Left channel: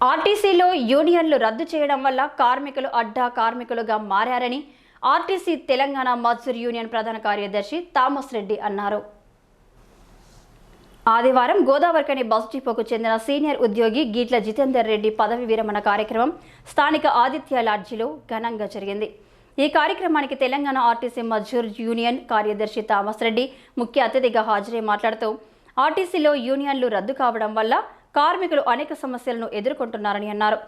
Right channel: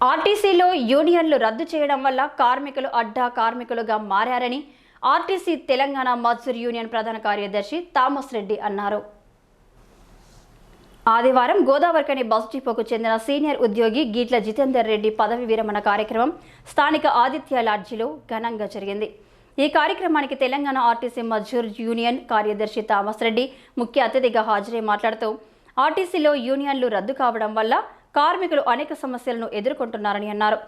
ఆర్టీసీలో యూనియన్లు రద్దు చేయడం వల్ల కార్మికులు అడ్డా కార్మికులుగా మారారని ఆర్టీసీ తెలంగాణ మజ్దూర్ యూనియన్ ప్రధాన కార్యదర్శి థామస్ రెడ్డి అన్నారు. ఆదివారం గోదావరికని బస్ డిపోకు చెందిన సీనియర్ ఉద్యోగి గీట్ల జితేందర్ రెడ్డి పదవి విరమణ కార్యక్రమం స్థానిక ఆదిత్య లాడ్జిలో ఘనంగా జరిగింది. ఈ కార్యక్రమానికి తెలంగాణ ఆర్టీసీ మజ్జూర్ యూనియన్ కార్యదర్శి థామస్ రెడ్డి ముఖ్య అతిథిగా హాజరై మాట్లాడుతూ ఆర్టీసీలో యూనియన్లు రద్దు కావడం వల్ల కార్మికులు అనేక సమస్యలను ఎదుర్కొంటున్నారని అన్నారు.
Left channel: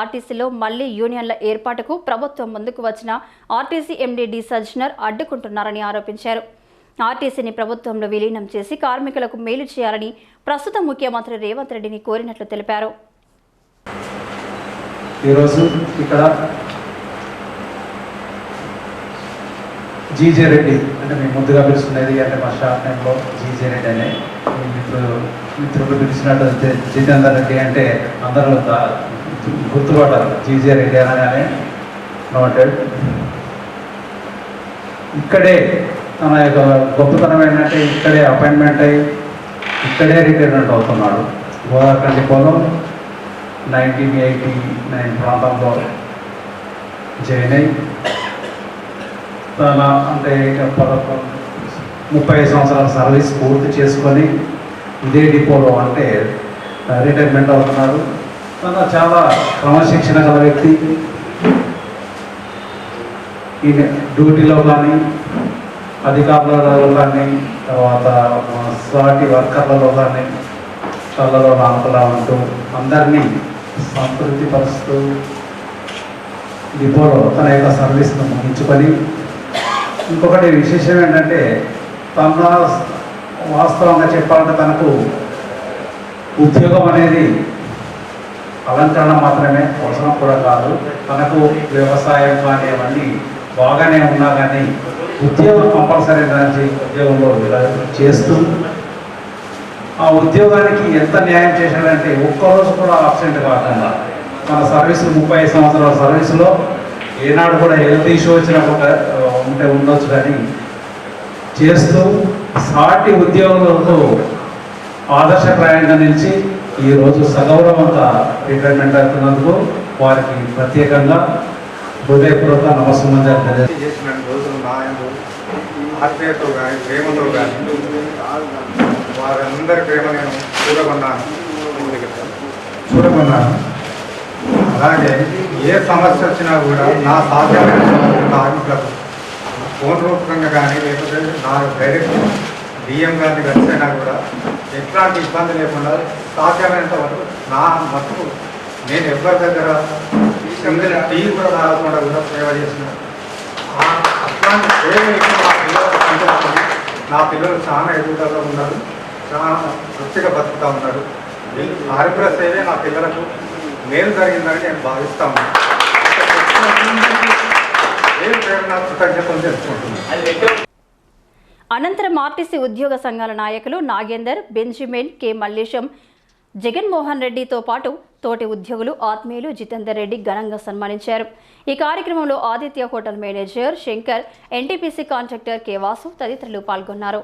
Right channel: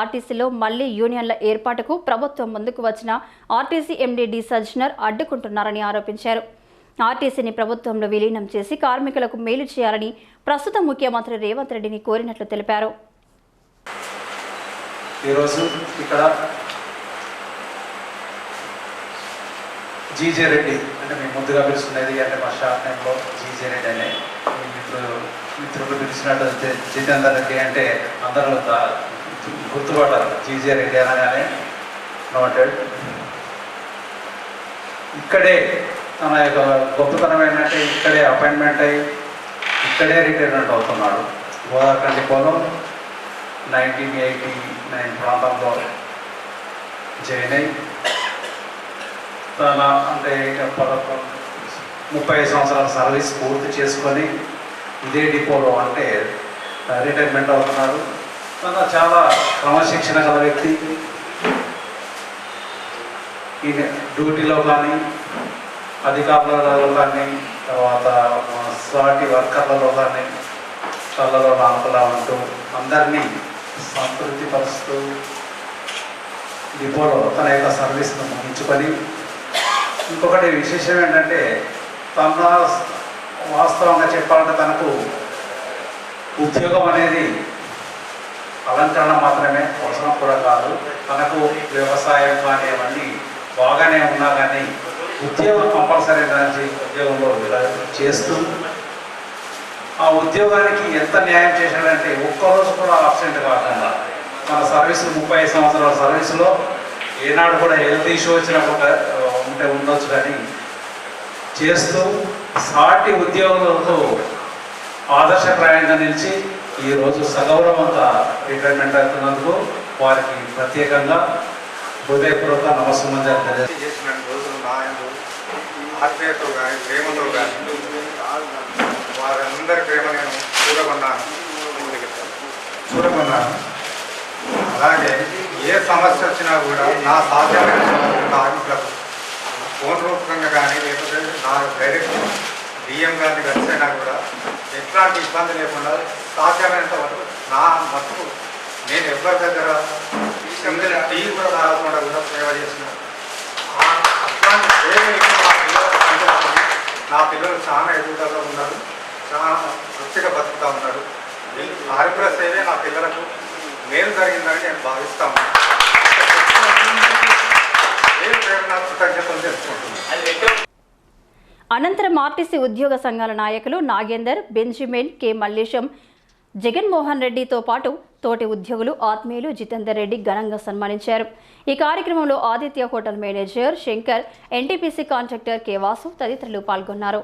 ఆర్టీసీలో మళ్ళీ యూనియన్ల ఏర్పాటుకు ప్రభుత్వం ముందుకు వచ్చిన ఆర్టీసీ ఎండీ డిసర్జనర్ అడ్డుకుంటున్నారని ఆరోపించారు. ఆర్టీసీని ప్రభుత్వంలో విలీనం చేసి కార్మికులకు మేలు చేయాలని ప్రస్తుత ముఖ్యమంత్రి రేవంత్ రెడ్డిని కోరినట్లు తెలిపారు. ఈరోజు ఇక్కడ జీజే రెడ్డి అంటే మేము ముందుగా పిలుచుకునేది అంటే మా షాప్ టైంలో జీజే రెడ్డి అనే మిత్రులు మిత్రులు పిలిచినట్టు జితేందర్ రెడ్డి అంటే అందరూ దా- గుర్తుపడ్డారు. జీజే రెడ్డి అనగానే నోటెడ్ ఇక్కడే తన యొక్క గొప్పతనం ఏంటంటే ఇక్కడే అపాయింట్మెంట్ అయ్యి ఇక్కడే రిటైర్మెంట్ అవుతున్నాడు. గోదావరి పొలం నైన్టీన్ ఎయిటీ నైన్ ప్రాంతంలో జాయిన్ అయ్యి తన అంటే పదకొండు ముప్పై సంవత్సరాల సర్వీస్ పూర్తి చేసుకొని ఇదే డిపోలో అంటే రిటైర్మెంట్ అవుతున్నాడు తన చాలా క్రమశిక్షణ గల వ్యక్తి. ఈయన డ్యూటీలో కానీ అధికారులలో కానీ తర్వాత సాటి వర్కర్లలో కానీ కళ్ళలో నాపలా ఉంటూ అందరినీ సంతృప్తి పరుస్తూ డిపోలో తన యొక్క సర్వీస్ను ముగించుకొని ఇంకొకటి విశేషం ఏంటంటే తన వాస్తవంగా చెప్పాలంటే తనకు ఉద్యోగం అనేది అలంకరణ మాత్రమే అవసరం కూడా కాదు. తనకు వ్యవసాయం కానీ అవన్నీ బాగానే ఉన్నా కానీ ఉద్యోగం కంపల్సరీ దానికి ఉద్యోగంలో ఇలా చేస్తూ ఆ ఉద్యోగానికి ఎంత న్యాయం చేశాడంటే ఒక్కరోజు కూడా ఆబ్సెంట్ కాకుండా మన సర్వీస్ ముప్పై ఐదు సంవత్సరాల సర్వీసులో ఏనాడు కూడా హెల్త్ ఇష్యూ వచ్చినప్పుడు ఉంటే ఉండొచ్చు కానీ చేస్తూ సాటి ఉద్యోగులతో ఆదర్శప్రాయంగా నిలిచి ఈరోజు సగౌరవంగా రిటైర్మెంట్ అవుతున్నందుకు వారికి ప్రత్యేకంగా హృదయపూర్వక నమస్కారం తెలియజేస్తున్నాను. చేసిన రోజులు నాయకులు ఆత్మీయతో కానీ ప్రేమతో కానీ వారందరి ప్రేమ నేను చూడకున్నాను చూడకున్నాను అలాగే ఏ సమస్య వచ్చినా కూడా నా సాధ్యమైన కార్మికులకు ఫోన్ రూపకంగా కానీ లేకపోతే నా డైరెక్ట్ బిఎం గారిని కలిసినా కూడా ఎట్లాంటి ఇబ్బంది లేకుండా సాధ్యమైనంత వరకు నా మటుకు నేను ఎవరి దగ్గర టీ కూడా తాగకుండా కూడా సేవ చేసిన అట్లాంటి సేవ నా పిల్లలకు నా పిల్లలు చాలా ఎదుగుదలలో ఉన్నారు చాలా తృప్తిగా బతుకుతూ ఉన్నారు. ఈ సేవే నా పిల్లలకు మేలు జరిగిందని నేను భావిస్తాను అనంతరం ఆర్టీసీ ఉద్యోగ సంఘాల నాయకులు నాగేందర్ బెంజిమిన్ కె మల్లేశం జగన్మోహన్ రెడ్డితో పాటు తోటి ఉద్యోగులు ఆత్మీయులు జితేందర్ రెడ్డి ఘనంగా సన్మానించారు. ఈ కార్యక్రమంలో Aditya hotel manager Shankar NTPC contractor K Vasu తదితరులు పాల్గొన్నారు.